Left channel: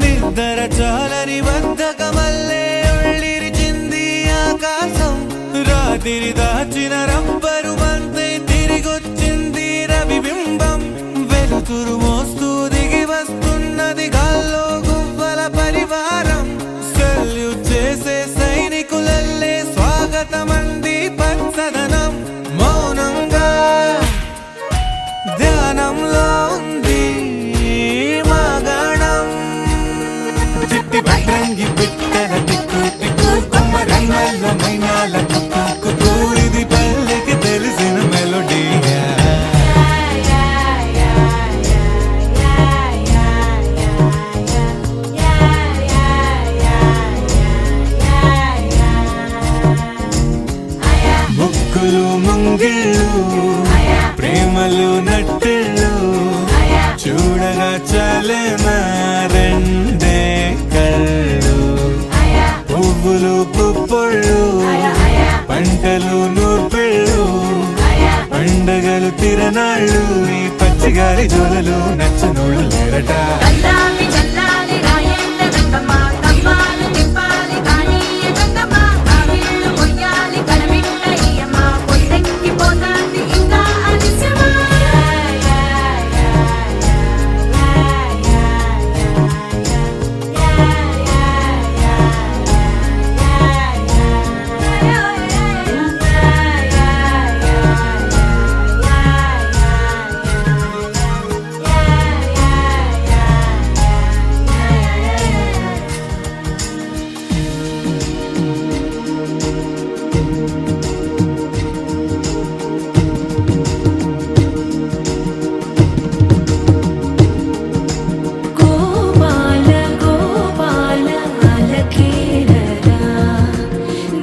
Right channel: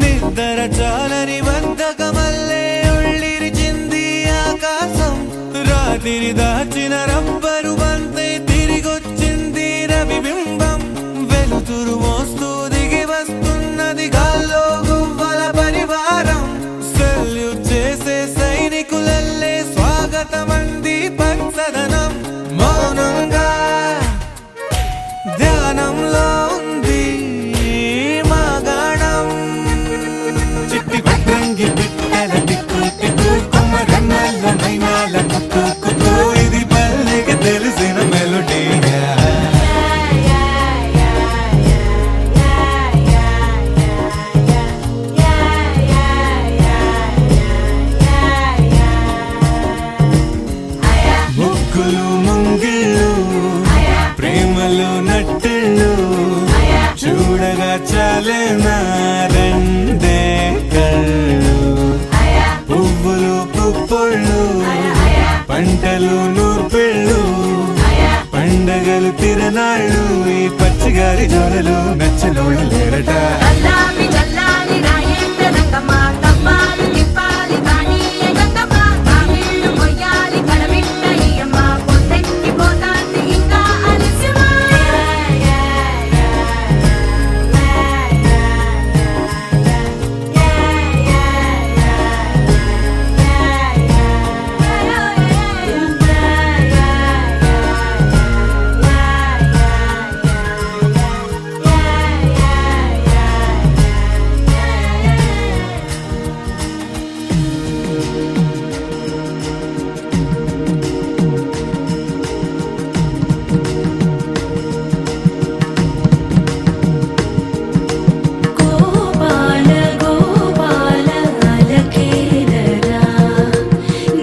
నిద్ర చాలని బద్ధకమల్లే ఉళ్ళిరిచింది ఆకాశం. రాత్రి దాచిన రబ్బరు బంతే తిరిగొచ్చింది రవిబింబం. వెలుతురు మోస్తూ దిగి వస్తున్నది గాల్లో గువ్వల పరివారం. సెల్యూట్ చేసే సైనికులల్లే స్వాగతమంది పచ్చదనం. మౌనంగా ధ్యానంలో ఉంది మాగణం. చిట్టి భద్రంగి బిట్టల టిక్కు టిక్కు కొమ్మరమ్మల్ల మైనాల కుక్కు కుక్కు. ఇది పల్లెకి తెలిసిన మెలోడీగా. ముగ్గులు ముంగిళ్ళు ప్రేమలు నట్టిళ్ళు చూడగా చాలేనా రెండే కళ్ళు. పువ్వులు పుప్పొళ్ళు పంటలు నూర్పిళ్ళు పండగలు తిరనాళ్ళు. ఈ పచ్చిగారి జోలలు నచ్చనోళ్ళు లేరట.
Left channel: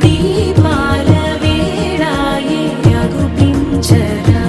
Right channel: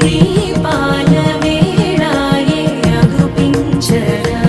దీపాల వేళాయే అగుపించరా.